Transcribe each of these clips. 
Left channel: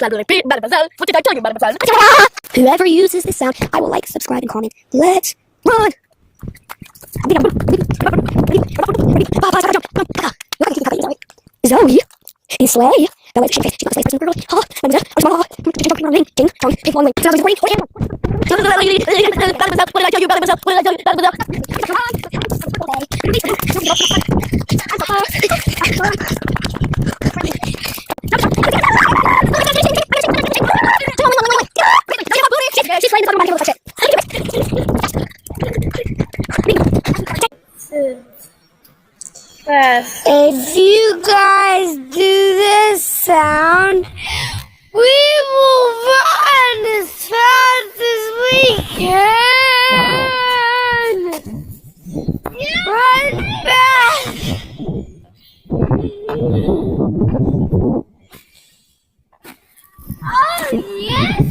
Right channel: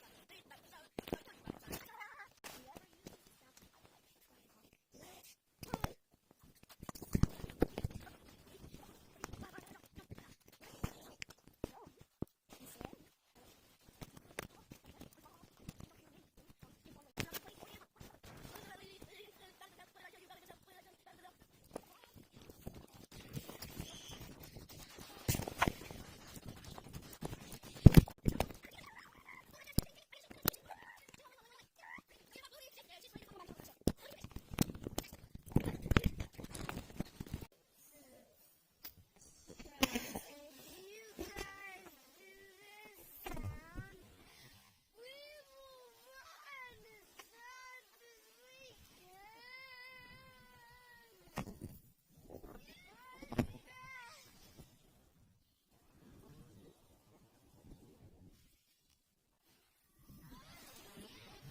What did I tell you, mademoiselle? Whoever uses this sound, I will like, subscribe, and comment. Let's run! Zoe is Slay. Now let's she's not a slave person. Oh, I'm gonna ring, ding, dong, take one ring. What did I tell you, mademoiselle? What did I tell you? She's playing the song about If you guys do this sound, we will run as fast as we can. Run fast. Oh, yes.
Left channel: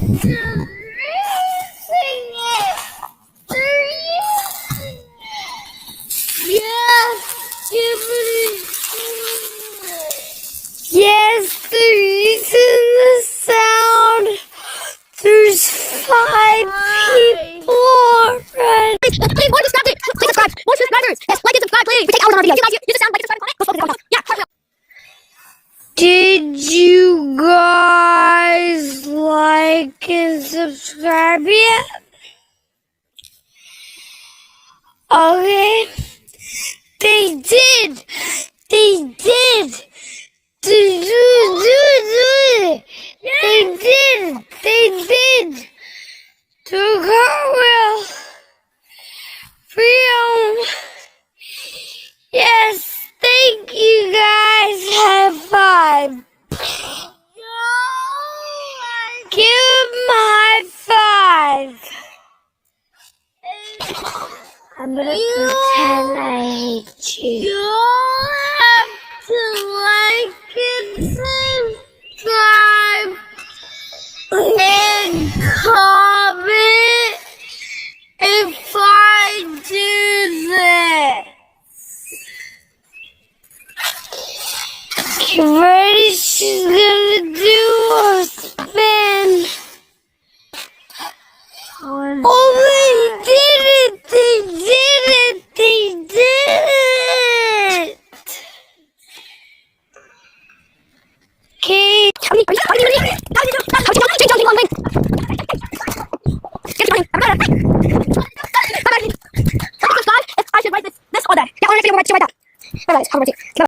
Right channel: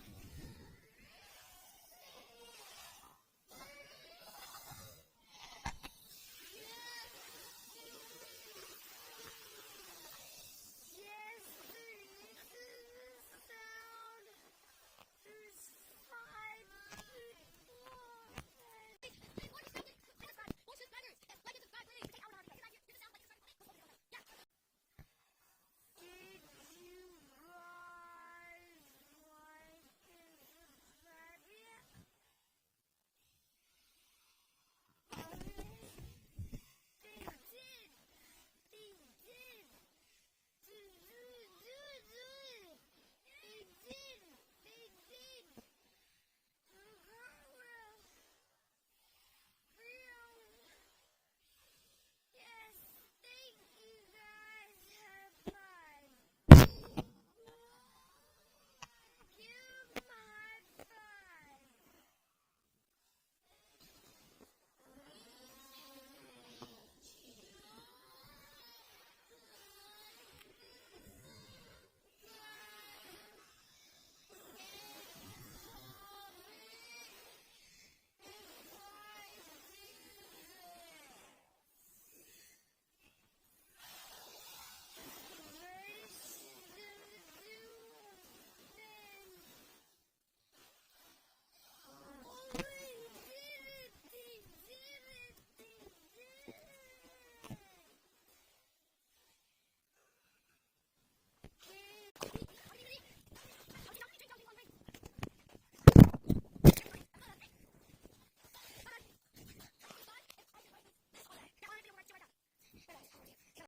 Yes, they're using the sound. There's 5 people already. Please, more subscribers. Please subscribe. More subscribers. Yes, like and subscribe, please. We take hours on our videos. You guys use the sound, like and subscribe, comment. Yeah, Did you guys like and subscribe yet? Okay. They did. They did. They did. Do cartwheel. Freedom. Yes, thank you guys. High five. Give them a high five. I'm gonna pretend I hate you. You have to like and subscribe and comment if I do this. Get ready, she's gonna